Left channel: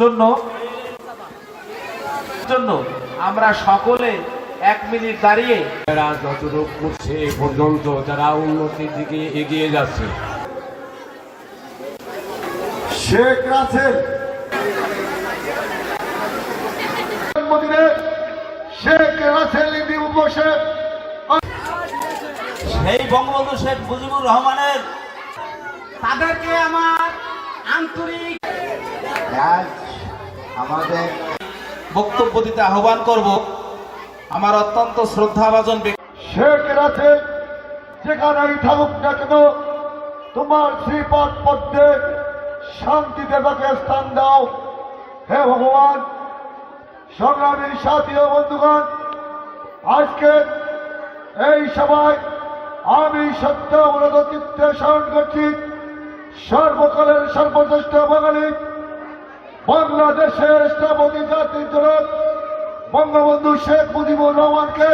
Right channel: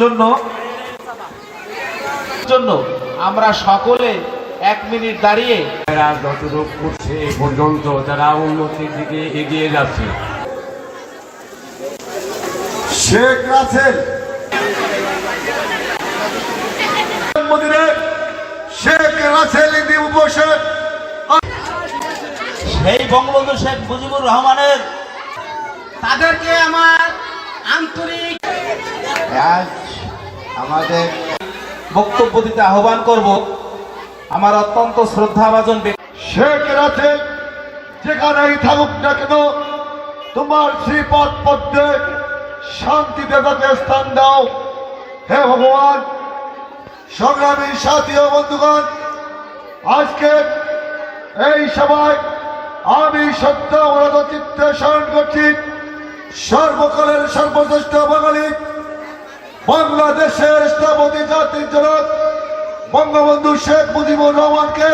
জন্য আমরা সকলে 1 মিনিট দাঁড়িয়ে তারা যতটুকু করছে এ পর্যন্ত তারা উন্নতির দিকে এগিয়ে যাচ্ছে। শেখ রাসেল শেখ রাসেল দিবসে সেই বঙ্গবন্ধু শেখ মুজিবুর রহমানের তাদেরকে আমার আন্তরিক আমাদের বক্তব্য দিতে আহ্বান করব আমার অত্যন্ত শ্রদ্ধাভাজন শেখ রাসেল যেখানেই থাকুক না কেন তোমার শ্রীপাদ পদ্মে শান্তিতে তাকে স্থান দাও হে ভগবান। সংগ্রামী সাথী ও বন্ধুগণ, আজকে এই সভায় আমি সত্য অবরত চিত্তে স্মরণ করছি সর্বকালের সর্বশ্রেষ্ঠ বাঙালি বাংলাদেশের স্থপতি জাতির জনক বঙ্গবন্ধু শেখ মুজিবুর রহমানকে।